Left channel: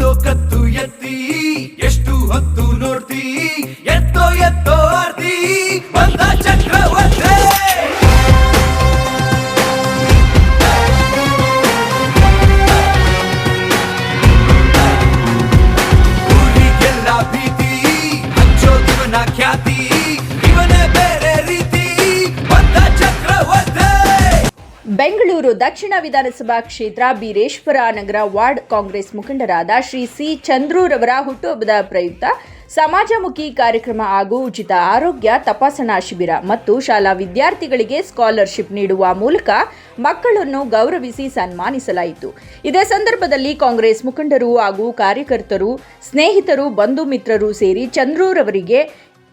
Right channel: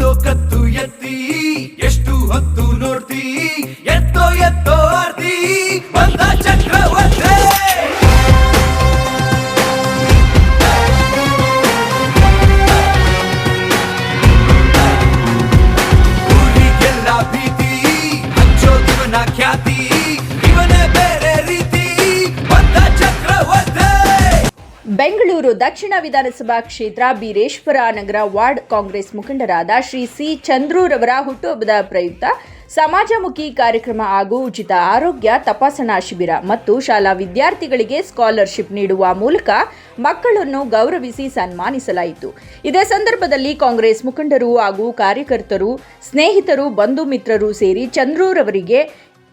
ನೋಡೋ ಕತ್ತು ಎತ್ತಿ ಎಷ್ಟು ಹೊತ್ತು ನೋಡ್ತಿ ಎತ್ತೋ ಎತ್ತೋ ಆರ್ತಿ ಬಂದ ಚಕ್ರವರ್ತಿ ಊರಿಗೆಲ್ಲ ಭೀತಿ ಹಂಚೋದಿವನ ಖ್ಯಾತಿ ಇವನೇ ಬೇರೆ ರೀತಿ ಬಂದ ಚಕ್ರವರ್ತಿ. ಬೆಂಗಳೂರು ದಕ್ಷಿಣ ವಿಧಾನಸಭಾ ಕ್ಷೇತ್ರ ಬೀರೇಶ್ವರ ನಗರ ವಾರ್ಡ್ ಕಾಂಗ್ರೆಸ್ ಮುಖಂಡರಾದ ಶ್ರೀ ಸಿ ಚಂದ್ರೂರವರ ಹುಟ್ಟುಹಬ್ಬದ ಪ್ರಯುಕ್ತ ಸಮಾಜಮುಖಿ ಕಾರ್ಯಕ್ರಮ ಹಾಗೂ ಉಚಿತ ಆರೋಗ್ಯ ತಪಾಸಣಾ ಶಿಬಿರ ಮತ್ತು ಶಾಲಾ ವಿದ್ಯಾರ್ಥಿಗಳಿಗೆ ಸ್ಕಾಲರ್ಶಿಪ್ ನೀಡುವ ಮೂಲಕ ಮಕ್ಕಳನ್ನು ಗೌರವಿಸಿ ಸನ್ಮಾನಿಸಲಾಯಿತು. ಇದೇ ಸಂದರ್ಭದಲ್ಲಿ ಕಾಂಗ್ರೆಸ್ ಮುಖಂಡರು ಹಾಗೂ ಕಾರ್ಯಕರ್ತರು, ಸ್ನೇಹಿತರು, ಬಂಧು ಮಿತ್ರರು ಸೇರಿ ಚಂದ್ರೂರವರಿಗೆ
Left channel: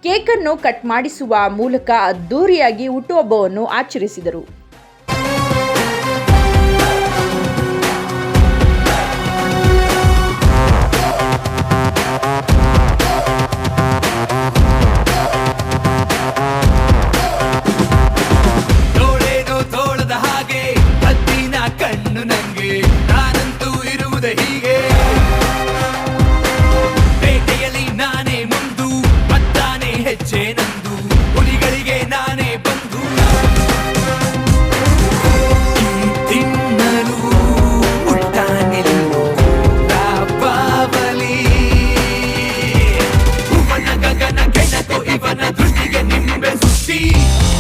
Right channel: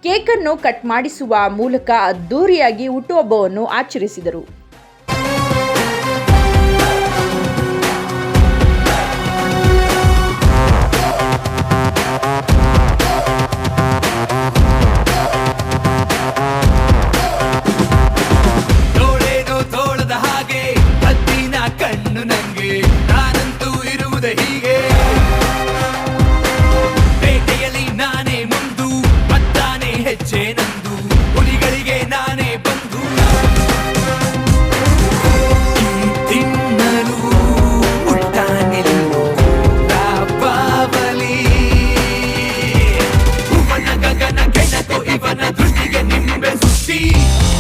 ಕೇಕನ್ನು ಕಟ್ ಮಾಡಿಸುವ ಮೂಲಕ ಅದ್ದೂರಿಯಾಗಿ ಹುಟ್ಟುಹಬ್ಬವನ್ನು ಆಚರಿಸಿದರು. ಕಣ್ಣು ನಂಗೆ ನಾನಂತೂ ಇರುವುದೇ ಹೀಗೆ, ಬೇಟೆಯಲ್ಲಿ ನಾನೇ ಮುಂದು ಮತ್ತಾನೆ ಹೆಜ್ಜೆ ನಂದು, ಹುಲಿಗಳಿಗೆ ನಾನೇ ಬಂದು ತಿನ್ನಲು ಉಟ್ಟಾನೆಲ್ಲೋ ಬಾವಲಿ ಭುವನ ಗಗನ ಕೆಣಕೋ ಇವನ ದೃಷ್ಟಿಗೆ ನಿಂಬೆ ಸುತ್ತಿ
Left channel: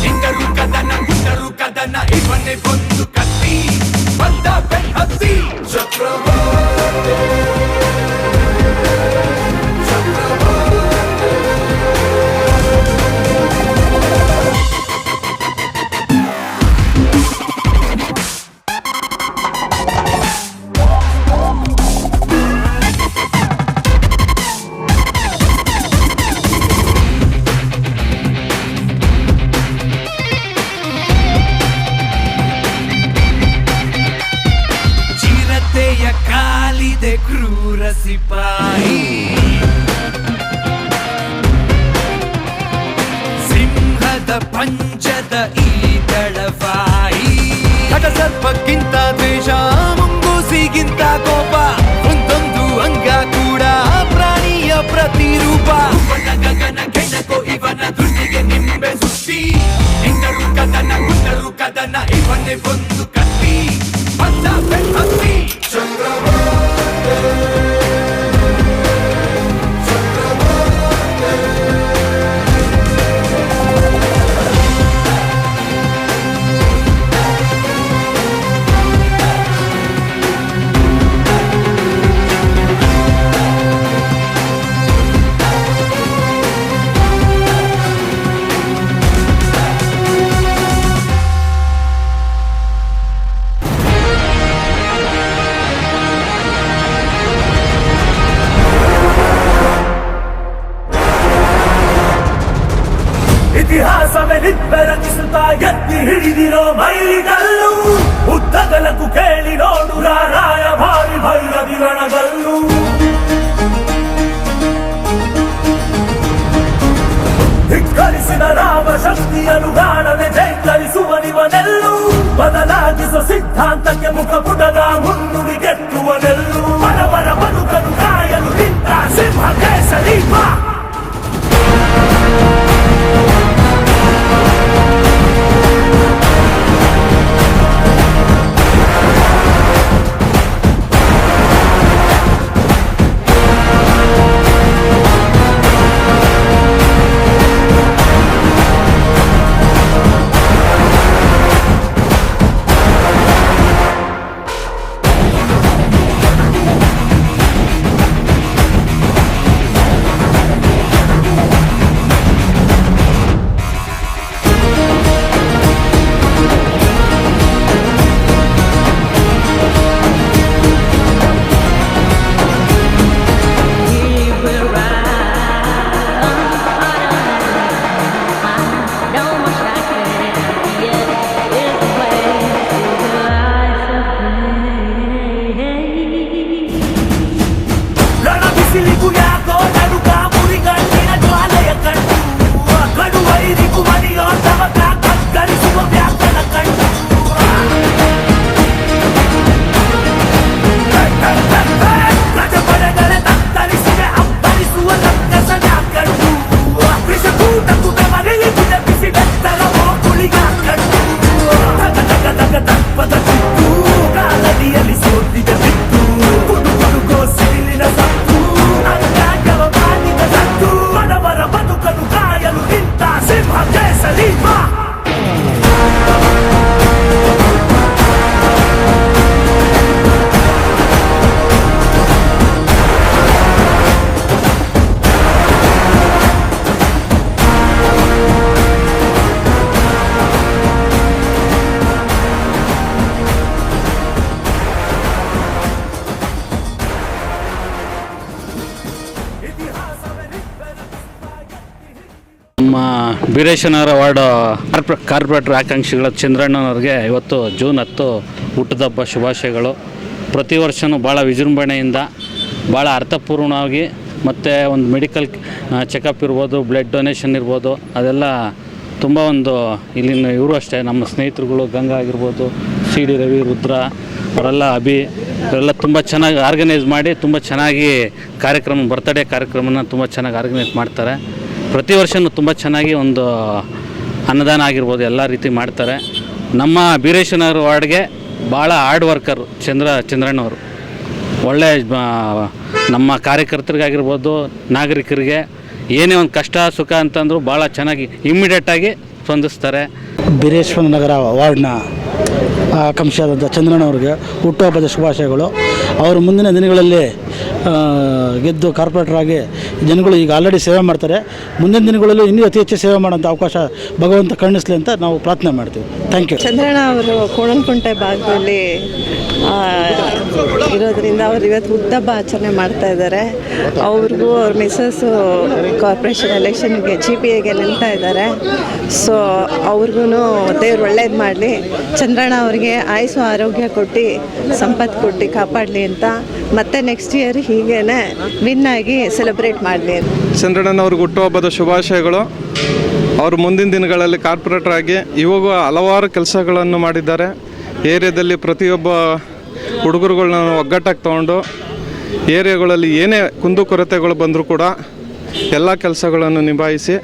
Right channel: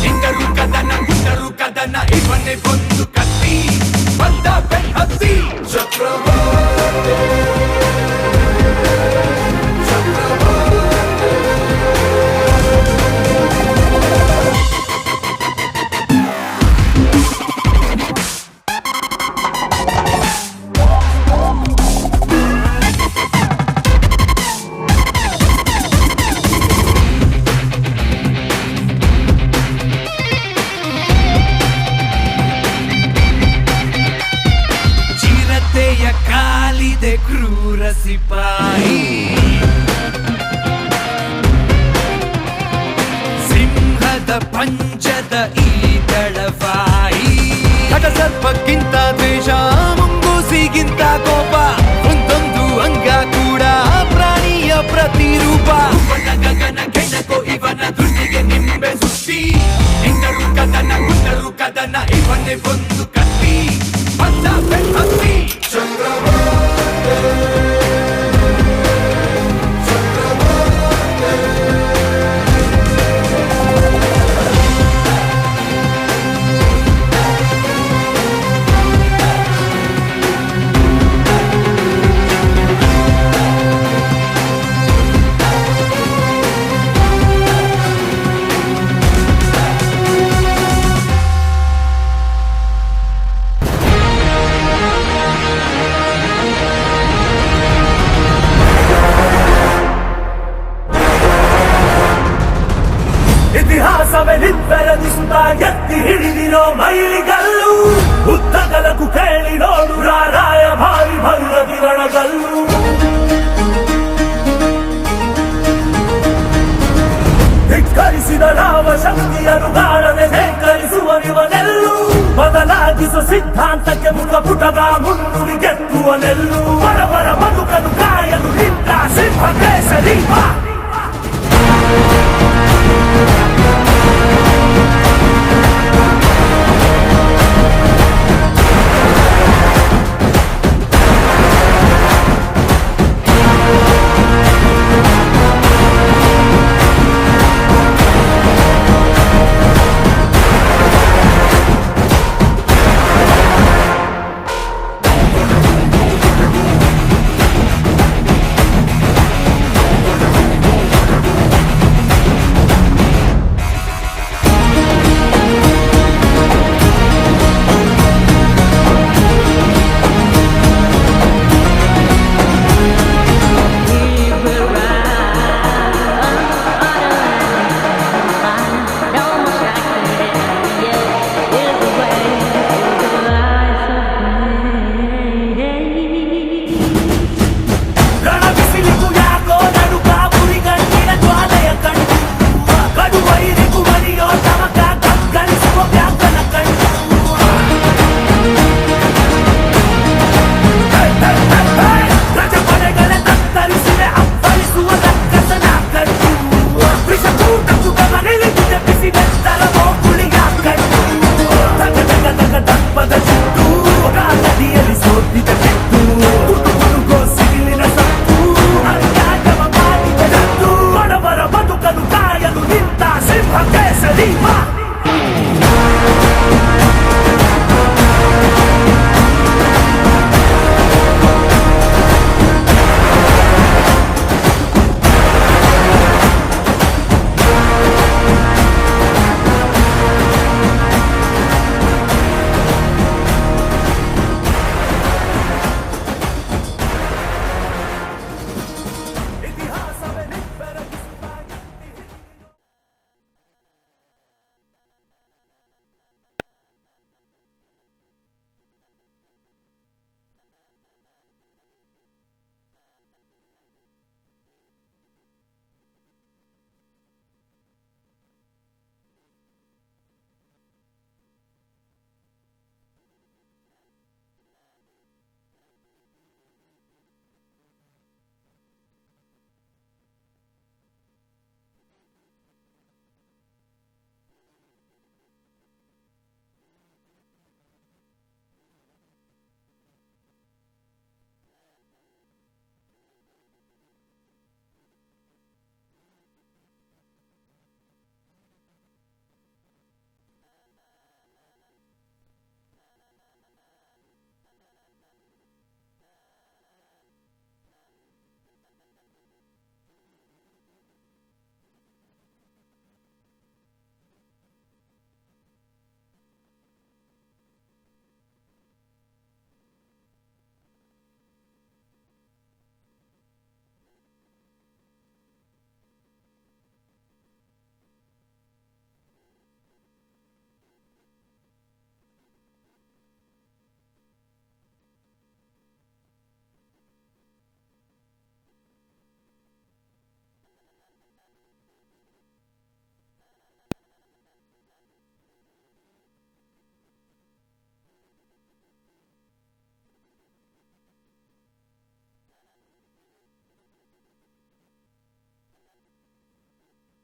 ಇಂದರು ಕದನ ಗುಂಡರು ಕದನ ಇವನೇ ಬಂದು ಕತ್ತಿ ಬಂದ ಬೆನ್ ಹತ್ತಿ ಚಕ್ರವರ್ತಿ ಕಾಲಿದೆ ಕ್ರೂರ ಸಿಪಾಯಿ, ಸಿಂಹದ ಪಂಚದ ಈ ದಳವಾಯಿ, ಸರ್ಪಕ್ಕಿಂತ ದ್ವೇಷ ಮುಂಗೂಸಿಗಿಂತ ಕೋಪ, ಒಂದೊಂದು ಅಂಗ ಕೂಡ ಪ್ರಾಣಿಯ ಪ್ರತಿರೂಪ, ಗಗನ ಕೆಣಕೋ ಇವನ ದೃಷ್ಟಿಗೆ ನಿಂಬೆ ಸುತ್ತಿ ಇಂದರು ಕದನ ಗುಂಡರು ಕದನ ಇವನೇ ಒಂದು ಕತ್ತಿ ಬಂದ ಬೆನ್ ಹತ್ತಿ ಇತಿಹಾಸವೇ ನಿಬ್ಬೆರಗಿಸುತ್ತಾ ಎತ್ತಿ ಹಿಡಿದಿರೋ ಮೈಲಿಗಲ್ಲು, ಉದ್ದಗಲಕ್ಕೂ ಕೇಳಿ ನೋಡು ರಾರಾಯ ಭಾರಿ ಭೈರವಿ ರಣಗಲ್ಲು. ಧಿಕ್ಕರಿಸಿದ ರಾವ ಶಕ್ತಿಯನ್ನು ಕಾಣದೆ ಧಿಕ್ಕರಿಸುವನಿವನೆಲ್ಲು, ಬದಲಾಗಿಸೋ ಸಿದ್ಧಾಂತಕ್ಕೆ ಮುಖಪುಟದ ಮುನ್ನುಡಿ ಗೆಟ್ಟುವನೆಲ್ಲು, ಬಡವರ ಬದುಕನ್ನು ಕಾಯಲು ನಿಂತ ಸಿಂಹ ಕೇಸರಿ ಬೀರೇಶನಗರ ವಾರ್ಡ್ ಕಾರ್ಪೊರೇಟರ್ ಆಕಾಂಕ್ಷಿಗಳ ಚಂದ್ರಣ್ಣನವ್ರಿಗೆ ಇವತ್ತು ಜೂನ್ 10 ಹುಟ್ಟುಹಬ್ಬ ಶುಭಾಶಯಗಳು. ಪ್ರತಿ ವರ್ಷವೂ ಭಾಳ ವಿಜೃಂಭಣೆಯಿಂದ ಭಾಳ ಅರ್ಥಪೂರ್ಣವಾಗಿ ಮತ್ತು ಒಂದು ಮೆಡಿಕಲ್ ಚೆಕಪ್ ಇರ್ಬೋದು, ಬ್ಲಡ್ ಡೊನೇಷನ್ ಇರ್ಬೋದು, ಅದೆಲ್ಲ ತುಂಬ ಒಂದು ಇಲ್ಲಿನ ಇವರು ಅಷ್ಟೇ ನಮ್ಮ ಸ್ನೇಹಿತರುಗಳು ಗಂಗಾ ಆಗಿರ್ಬೋದು, ಸಿ ಡಿ ರವಿ, ರುದ್ರ ಅವರೆಲ್ಲ ಇವರೆಲ್ಲ ತುಂಬ ಚೆನ್ನಾಗಿ ಆರ್ಗನೈಸ್ ಮಾಡಿ ತುಂಬ ಚೆನ್ನಾಗಿ ಬರ್ತ್ಡೇ ಕಾರ್ಯಕ್ರಮನ ತುಂಬ ಚೆನ್ನಾಗಿ ಆರ್ಗನೈಸ್ ಮಾಡ್ತಾರೆ. ಪ್ರತಿ ವರ್ಷವೂ ತುಂಬ ಚೆನ್ನಾಗಿ ಒಂದು ಅನ್ನದಾನ ಆಗಿರ್ಬೋದು ಎಲ್ಲ ರೀತಿ ಮಾಡ್ತಾರೆ. ನಮ್ಮ ಬೀರೇಶನಗರ ವಾರ್ಡ್ಗೆ ಭಾಳ ಹಾರ್ಡ್ ವರ್ಕರು ಚಂದ್ರಣ್ಣವರು. ಒಳ್ಳೆ ನಮ್ಮ ಕಾರ್ಯಕರ್ತರಿಗಾಗಿರ್ಬೋದು, ನಾಗರಿಕರಿಗೆ ಏನೇ ಒಂದು ಕಷ್ಟ ಸುಖ ಅಂತಂದರೂ ಭಾಳ ಚೆನ್ನಾಗಿ ಇಮ್ಮಿಡಿಯೇಟಾಗಿ ಸ್ಪಂದಿಸ್ತಾರೆ. ಬೀರೇಶ್ವರ ನಗರ ವಾರ್ಡ್ನ ಆಕಾಂಕ್ಷಿಯಾದಂಥ ಚಂದ್ರಣ್ಣವ್ರಿಗೆ ಹುಟ್ಟುಹಬ್ಬದ ಶುಭಾಶಯಗಳು. ಅವರು ಮುಂದಿನ ದಿನಗಳಲ್ಲಿ ಗೆದ್ದು ಕಾರ್ಪೊರೇಟರ್ ಆಗಿ ಜನಗಳು ಈಗ ಆಲ್ರೆಡಿ ಸೇವೆ ಮಾಡ್ತಾರೆ. ಮುಂದಿನ ದಿನಗಳಲ್ಲೂ ಇನ್ನೂ ಅತಿ ಹೆಚ್ಚು ಸೇವೆ ಮಾಡೋಂಥ ಅವಕಾಶ ಭಗವಂತ ಕರುಣಿಸಲಿ ಅಂತ ನಾವು ಪ್ರಾರ್ಥನೆ ಮಾಡ್ತೀವಿ. Thank you. ಚಂದ್ರಣ್ಣ ಅವರು ಕೋಣನಕುಂಟೆ ಭಾಗದಲ್ಲಿ ಇರೋದ್ರಿಂದ ಅವರು ಇವತ್ತು ಹುಟ್ಟುಹಬ್ಬ ಆಚರಣೆ ಮಾಡ್ತಾ ಇದ್ದಾರೆ. ಅವ್ರಿಗೂ ಅವ್ರ ಮಿಸ್ಸಸ್ಸು ಕಾರ್ಪೊರೇಷನ್ ಎಲೆಕ್ಷನ್ಗೆ GPAಗೆ ನಿಲ್ತಾ ಇದ್ದಾರೆ. ಸೊ ಅವ್ರಿಗೂ ದೇವ್ರು ಒಳ್ಳೇದು ಮಾಡಲಿ, ಚಂದ್ರಣ್ಣ ಅವರಿಗೆ ಆಯುಸ್ಸು ಆರೋಗ್ಯ ಕೊಟ್ಟು ಸಂಪತ್ತು ಕೊಟ್ಟು ಕಾಪಾಡಲಿ ಅಂತ, ಮತ್ತೆ ನೆಕ್ಸ್ಟ್ ಇಯರ್ ಹೀಗೇನೆ ವಿನ್ ಆಗಿ ಸೆಲೆಬ್ರೇಟ್ ಮಾಡಲಿ. ಚಂದ್ರಣ್ಣನವ್ರಿಗೆ ಹುಟ್ಟುಹಬ್ಬದ ಶುಭಾಶಯಗಳು. ಅವರು ಮುಂದಿನ ದಿನಗಳಲ್ಲಿ ಕಾರ್ಪೊರೇಟರ್ ಆಗಿ ಇವಾಗ ಹಲವಾರು ಕೆಲಸಗಳನ್ನು ಮಾಡಿದ್ದಾರೆ. ಏರಿಯಾದಲ್ಲಿ ಪ್ರತಿಯೊಬ್ಬ ಹುಡುಗರುಗಳನ್ನ ಒಗ್ಗಟ್ಟಾಗಿ ತೊಗೊಂಡು ಏರಿಯಾಗಳಲ್ಲಿ ಏನೇ ಕುಂದುಕೊರತೆಗಳು ಬಂದರೂ ಕೂಡ ಎಲ್ಲ ಕೆಲಸಗಳನ್ನು ನಿಭಾಯಿಸಿ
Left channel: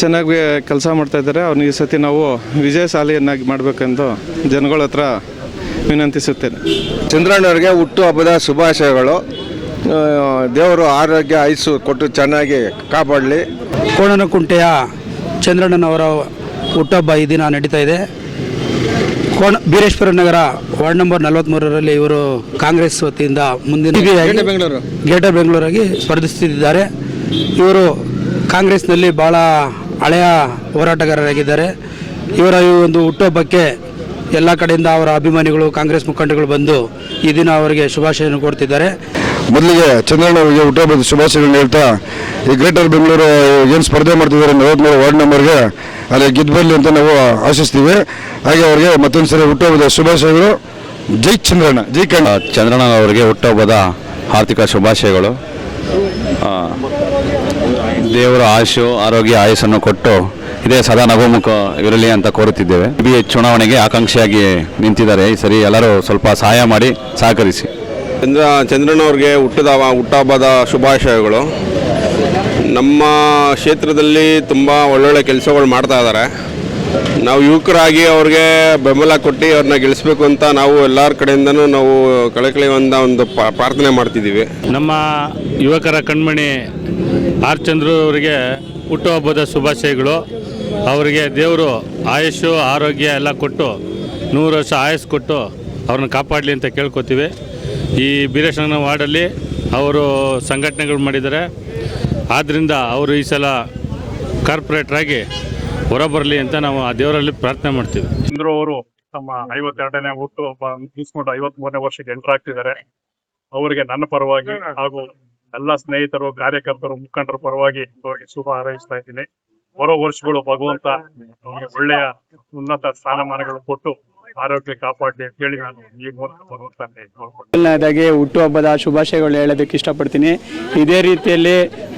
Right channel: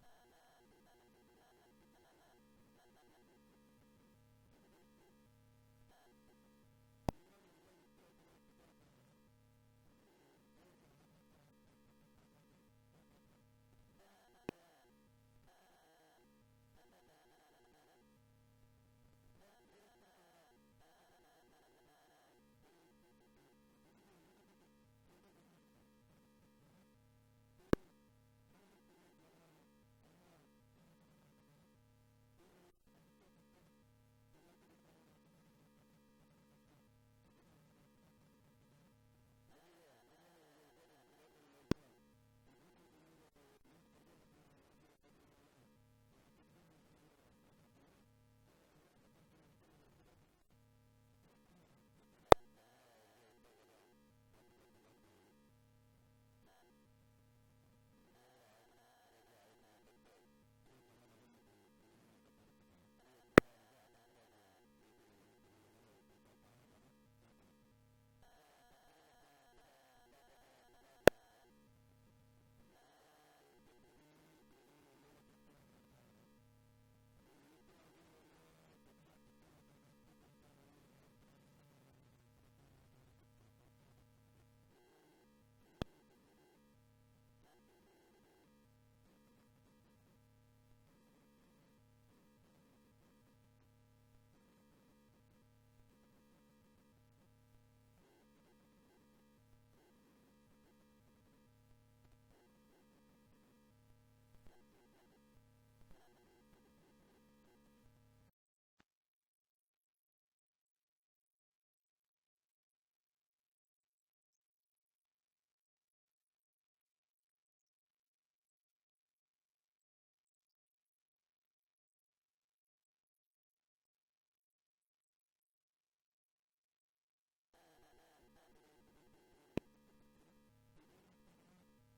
ಚೆನ್ನಾಗಿ ಕೆಲಸ ಮಾಡ್ತಾಯಿದ್ದಾರೆ. ಅವ್ರನ್ನ ಈ ಸತಿ ನಾವು ವಿಜಯಶಾಲಿಯನ್ನಾಗಿ ಮಾಡಬೇಕೆಂದು ಜನಗಳ ಹತ್ರ ವಿನಂತಿಸುತ್ತೇನೆ. ಚಂದ್ರಣ್ಣವ್ರಿಗೆ ಹುಟ್ಟುಹಬ್ಬದ ಶುಭಾಶಯಗಳು. ದೇವರು ಆರೋಗ್ಯ ಆಯುಸ್ಸು ಕೊಟ್ಟು ಚೆನ್ನಾಗಿ ಕಾಪಾಡಲಿ. ಕೋಣನಕುಂಟೆಯ ಚಂದ್ರಣ್ಣನವರ ಹುಟ್ಟುಹಬ್ಬ ಈ ದಿನ ನಡೀತಾ ಇದೆ. ಬೀರೇಶ್ವರ ನಗರ ವಾರ್ಡ್ ನಂಬರ್ 43ರಲ್ಲಿ ಇವರು ಕಾಂಗ್ರೆಸ್ ವತಿಯಿಂದ ಮುಂದಿನ ಗ್ರೇಟರ್ ಬೆಂಗಳೂರಾಗಿ ಸ್ಪರ್ಧಿಸುತ್ತಿದ್ದಾರೆ. ಇವರು ಕಾಂಗ್ರೆಸ್ನಲ್ಲಿ ಭಾಳ ಹಳೆಯ ಹೋರಾಟಗಾರರಾಗಿದ್ದಾರೆ. ಇವರ ಈ ಒಂದು ಹುಟ್ಟುಹಬ್ಬಕ್ಕೆ ಎಲ್ಲ ಕಡೆಯಿಂದ ಅವರ ಅಭಿಮಾನಿಗಳು, ಕಾಂಗ್ರೆಸ್ ಮುಖಂಡಗಳು ಬಂದು ಈ ದಿನ ಅವರಿಗೆ ಶುಭಾಶಯವನ್ನು ಕೊಡ್ತಿದ್ದಾರೆ. ಮೊದಲಿಗೆ ಚಂದ್ರಣ್ಣವರಿಗೆ ಹುಟ್ಟುಹಬ್ಬದ ಶುಭಾಶಯಗಳನ್ನು ಹೇಳ್ತಾ, ಈ ಗ್ರೇಟರ್ ಬೆಂಗಳೂರು ಏನು ಸ್ಪರ್ಧೆ ಮಾಡ್ತಿದ್ದಾರೆ 43 ವಾರ್ಡ್ ನಂಬರ್ಗೆ ಅಲ್ಲಿ ಗೆದ್ದು ಬರಲಿ ಅಂತ ನಾವು ಆಶಿಸ್ತೀವಿ. ಹಾಗೆ ಅವರಿಗೆ ಮತ್ತೊಂದು ಸರಿ ಹುಟ್ಟುಹಬ್ಬದ ಶುಭಾಶಯಗಳು. ಜೈ ಚಂದ್ರಣ್ಣ, ಜೈ ಕಣ್ಣ. ಚಂದ್ರಣ್ಣನವರಿಗೆ ಹುಟ್ಟುಹಬ್ಬದ ಆರ್ಥಿಕ ಶುಭಾಶಯಗಳು. ದೇವರ ಆಯುಷು ಆರೋಗ್ಯ ಆಯುಷನ್ನು ಕೊಟ್ಟು ಇದೇ ಸದಾ ನಗುಮುಖ ಇರಲಿ ಅಂತ ಕೋರುತ್ತಿದ್ದೇವೆ. ಚುನಾವಣೆಗೆ ಆಕಾಂಕ್ಷಿಯಾಗಿ ನಿಂತಿದ್ದಾರೆ. ಈ ಸರಿ ಎಲ್ಲರೂ ಸ್ವಲ್ಪ ಸಹಾಯ ಮಾಡಿ ಸಹಕರಿಸಿ. ಚಂದ್ರಣ್ಣವ್ರಿಗೆ ಹುಟ್ಟುಹಬ್ಬದ ಶುಭಾಶಯಗಳು. ನಮ್ಮ ಕ್ಷೇತ್ರದಲ್ಲಿ ತುಂಬ ಒಳ್ಳೊಳ್ಳೆ ಕೆಲಸಗಳು ಮಾಡ್ತಾ ಇದ್ದಾರೆ. ನಾವು ಯುವಕರಾಗಿ ಅವ್ರಿಗೆ ಬೆಂಬಲ ಕೊಟ್ಟು ಅವ್ರನ್ನ ಗೆಲ್ಲಿಸ್ಬೇಕು ಅಂತ ನಾವು ಎಲ್ಲರ ಕಡೆಯಿಂದನೂ ನಾವು ಕಳಕಳಿಯಿಂದ ಒಂದು ಪ್ರಾರ್ಥನೆ ಮಾಡ್ತಿದ್ದೀವಿ. ನಮ್ಮ ಯುವಕರ ಕಣ್ಮಣಿ ಆರ್ ಚಂದ್ರು ಅವರಿಗೆ ಹುಟ್ಟುಹಬ್ಬದ ಶುಭಾಶಯಗಳು. ಅವರಿಗೆ ದೇವರು ಆಯುಷು ಆರೋಗ್ಯ ಎಲ್ಲ ಕೊಟ್ಟು 100 ವರ್ಷ ಆಯುಷ್ ಕೊಟ್ಟು ಅವ್ರನ್ನ ಕಾಪಾಡಲಿ ಅಂತ ಕೇಳ್ಕೊತೀವಿ. ಈ ಬೀರೇಶ್ವರ ವಾರ್ಡಲ್ಲಿ ಅವರು ಸಂಘಟನೆಗಳು ಮಾಡಿದ್ದಾರೆ. ಆದ್ದರಿಂದ ಅವರು ಈ ಸಲ ಕಾರ್ಪೊರೇಟ್ರಾಗಿ ಹೊರಬರಲಿ ಅಂತ ನಾವು ಆ ದೇವರಲ್ಲಿ ಪ್ರಾರ್ಥನೆ ಮಾಡ್ತೀವಿ. ಚಂದ್ರು ಅವರು ತಮ್ಮ 52ನೇ ಹುಟ್ಟುಹಬ್ಬ ಮುಗಿಸ್ಕೊಂಡು 53ನೇ ವರ್ಷಕ್ಕೆ ಎಂಟರ್ ಆಗ್ತಿದ್ದಾರೆ. ಅವರಿಗೆ ನನ್ನ ಪರವಾಗಿ ಹಾಗೂ ಎಲ್ಲ ಸ್ನೇಹಿತರು, ಕಾರ್ಯಕರ್ತರು, ಮುಖಂಡರ ಪರವಾಗಿ ಅವರಿಗೆ ಶುಭ ಹಾರೈಸ್ತಾ ಇದ್ದೀನಿ. ಬರೋ ವರ್ಷಗಳು ಭಗವಂತ ಅವರಿಗೆ ಒಳ್ಳೆಯ ಉನ್ನತ ಸ್ಥಾನಮಾನಗಳು ಕೊಟ್ಟು ಆರೋಗ್ಯ ಕಾಪಾಡಲಿ ಅಂತ ಹೇಳಿ ನಾನು ಈ ಮೂಲಕ ಭಗವಂತನೇ ಮೊದಲನೇದಾಗಿ ಹುಟ್ಟುಹಬ್ಬದ ಶುಭಾಶಯಗಳು ಹೇಳೋದಕ್ಕೆ ಇಷ್ಟಪಡ್ತೀನಿ. ಇದೇ ರೀತಿಯಲ್ಲಿ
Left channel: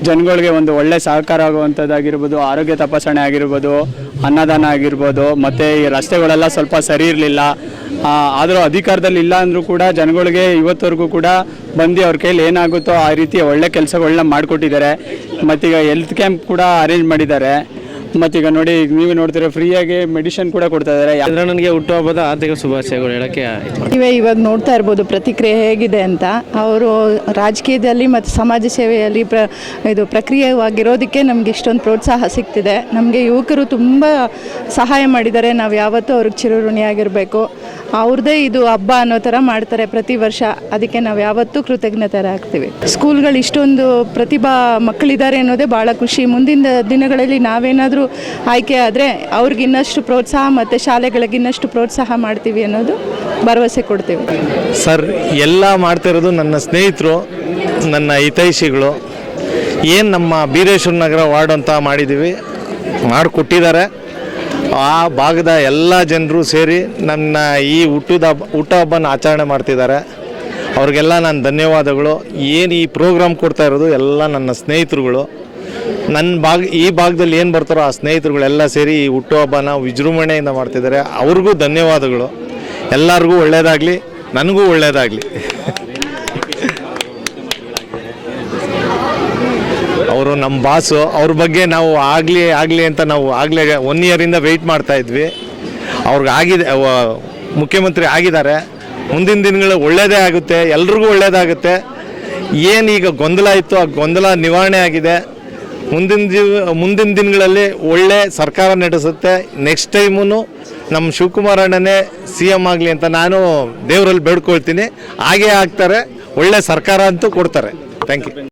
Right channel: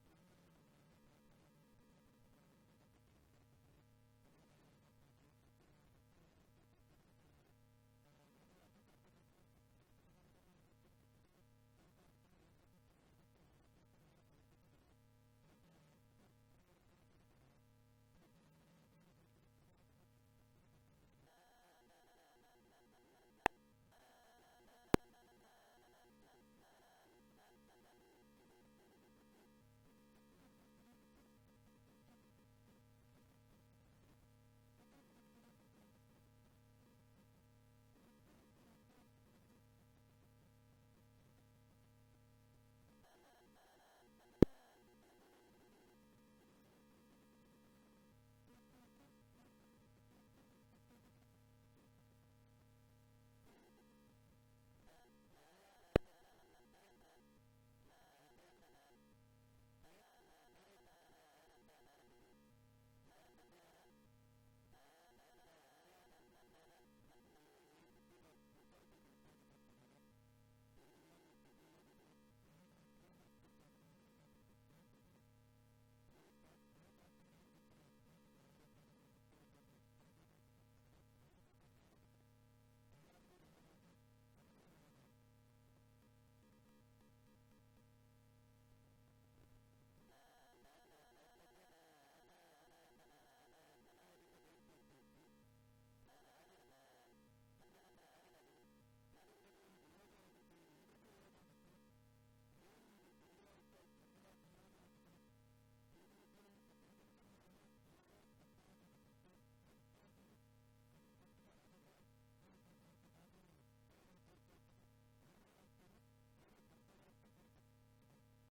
ಜನಗಳಿಗೆ ಒಂದು ಒಳ್ಳೆ ಸಹಕಾರ ಆಗುವಂಥದ್ದಾಗಿರ್ಬೋದು, ಆರೋಗ್ಯ ತಪಾಸಣೆ ಆಗಿರ್ಬೋದು, ಅನ್ನದಾನ ಆಗಿರ್ಬೋದು, ಮತ್ತು ಈ ರಸ್ತೆಗಳೆಲ್ಲ ಸ್ವಲ್ಪ ಸರಿ ಇರಲಿಲ್ಲ. ಆದರೂ ಅಧಿಕಾರದಲ್ಲಿ ಇಲ್ಲ ಅಂದರೂ ಕೂಡ ಜನಗಳಿಗೆ ಇವತ್ತವರೆಗೂ ಕೂಡ ಬಂದು ಅವ್ರ ಕೈಲಿ ಏನಾಗುತ್ತೋ ಆ ರೀತಿ ಒಳ್ಳೆ ಕೆಲಸಗಳನ್ನ ಮಾಡಿಕೊಟ್ಟಿದ್ದಾರೆ. ಮತ್ತೀಗ ಹೆಲ್ತ್ ಕ್ಯಾಂಪ್ ಕೂಡ ಅರೇಂಜ್ ಮಾಡಿದ್ದಾರೆ. ಮತ್ತೀಗ ನೋಡಿ, ನೀವು ನೋಡ್ತೀರಾ ಫ್ರೀಯಾಗಿ ಮೆಡಿಸಿನ್ ಕೂಡ ಕೊಡ್ತಾ ಇದ್ದಾರೆ. ಚಂದ್ರಣ್ಣನಿಗೆ ಹುಟ್ಟುಹಬ್ಬದ ಆರ್ಥಿಕ ಶುಭಾಶಯಗಳು ಹೇಳೋಕ್ಕೆ ನೀವೇ ಇವಾಗ ನೋಡ್ತಾ ಇರ್ಬೋದು ಪ್ರತಿಕ್ರಿಯೆ ಹೇಗಿದೆ ಅಂತ. ಅವರು ರಾಜಕೀಯದಲ್ಲಿ ಮತ್ತು ಸಮಾಜ ಸೇವೆಯಲ್ಲಿ ಪ್ರಕ್ರಿಯೆವಾಗಿರೋದಕ್ಕೆ ನಮಗೆ ಇಷ್ಟೊಂದು ಪ್ರೋತ್ಸಾಹ ಸಿಗ್ತಿದೆ. ನಮಗೆ ಯುವಕರು ತುಂಬ ಸಹಾಯ ಮಾಡಿದ್ದಾರೆ. ನಾವು ಯಾವತ್ತೂ ಅವ್ರಿಗೆ ಚಿರಋಣಿಯಾಗಿರಬೇಕು. ಅವ್ರದ್ದೇ ಇದು ಹಬ್ಬ ಅನ್ನೋ ಥರ ಮಾಡ್ತಾರೆ ಪ್ರತಿ ವರ್ಷ. ಅದಕ್ಕೆ ನಾವು ಯಾವತ್ತೂ ಕೃತಜ್ಞತರಾಗ್ತೀವಿ. ಸ್ಕೂಲ್ಗಳು ಇಷ್ಟೊಂದು ಪ್ರತಿಭಾ ಮಕ್ಕಳಿದ್ದಾರೆ ಅನ್ನೋದೇ ಭಾಳ ಖುಷಿ. ಮುಂದಿನ ದಿನಗಳಲ್ಲಿ ನಾವೇನಾದರೂ ಆಯ್ಕೆ ಆದರೆ ಅವ್ರಿಗೆ ಇನ್ನಷ್ಟು ಪ್ರೋತ್ಸಾಹ ಮತ್ತು ಶಾಲೆಗಳಿಗೆ ಇನ್ನಷ್ಟು ಪ್ರೋತ್ಸಾಹ ಮಾಡ್ತೀವಿ ಅನ್ನೋದು ಭರವಸೆ ಕೊಡ್ತೀವಿ. ಸರ್, ಎಲ್ಲ ಮಾಡ್ತಿರೋದು ನನ್ನ ಸ್ನೇಹಿತರು, ನನ್ನ ಹಿತೈಷಿಗಳು. ಏನು ನಮ್ಮ ಬೀರೇಶ್ವರ ನಗರ ವಾರ್ಡ್ ಅಂತ ಮಾಡಿದ್ದೀವಿ, ಮಾಡಿಕೊಟ್ಟಿದ್ದಾರೆ. ಆ ಭಾಗದ ಎಲ್ಲ ಜನರು ಸೇರಿ ನನ್ನ ಈ ಹುಟ್ಟುಹಬ್ಬನ ಆಚರಣೆ ಮಾಡ್ತಿದ್ದಾರೆ. ಅವ್ರಿಗೆಲ್ಲ ನಾನು ಧನ್ಯವಾದಗಳು. ಏನು ಈ ಪ್ರೋಗ್ರಾಮ್ ಕೊಡ್ತಾ ಇರೋದು ಎಲ್ಲ ನನ್ನ ಸ್ನೇಹಿತರುಗಳು. ಈ ಭಾಗದಲ್ಲಿ ಏನು ಬರ್ತಾರೋ ಆ ಸ್ನೇಹಿತರುಗಳೆಲ್ಲ ಸೇರಿ ಈ ಹುಟ್ಟುಹಬ್ಬನ ವಿಜೃಂಭಣೆಯಿಂದ ಮಾಡ್ತಿದ್ದಾರೆ. ಅವ್ರಿಗೂ ಧನ್ಯವಾದಗಳು. ಎಲ್ಲರಿಗೂ ಒಳ್ಳೆಯದಾಗಲಿ, ನನಗೂ ಒಳ್ಳೆಯದಾಗಲಿ. ಅವರು ನಮ್ಮ ಬಾಸು, ಅವ್ರ ಬಗ್ಗೆ ನಾವು ಆಗಲಿ ಅಂತ ನಾವು ಆಗಲೇ 1 ಇಯರಿಂದ ವೆಯ್ಟ್ ಮಾಡ್ತಾ ಇದ್ವಿ. ಅವ್ರಿಗೆ ಆಗಿದೆ, ಮುಖ್ಯಮಂತ್ರಿ ಆಗಿದ್ದಾರೆ. ಮುಂದಿನ ದಿನಗಳು ಒಳ್ಳೆಯದೇ ಆಗುತ್ತೆ, ಎಲ್ರಿಗೂ ಒಳ್ಳೆಯದಾಗುತ್ತೆ. ಏನೀಗ ಗೊಂದಲ ಇತ್ತು ಆ ಗೊಂದಲ ನಿವಾರಣೆ ಆಗಿದೆ. ಮುಂದಿನ ದಿನಗಳಲ್ಲಿ ಒಳ್ಳೆ ಸರ್ಕಾರ ನಡೆಸುತ್ತೆ. ನೆಕ್ಸ್ಟ್ ಟೈಮೂ ನಮ್ಮ ಶಿವಕುಮಾರ್ ಅಣ್ಣನೇ CM ಆಗಲಿ ಅಂತ ನಾನು ದೇವರಲ್ಲಿ ಬೇಡ್ಕೊಳ್ತೀನಿ. ಹಾಗೇ ಆಗ್ತಾರೆ, ಒಳ್ಳೆ ಸರ್ಕಾರ ಅಂತೂ ಕೊಡ್ತಾರೆ. Thank you.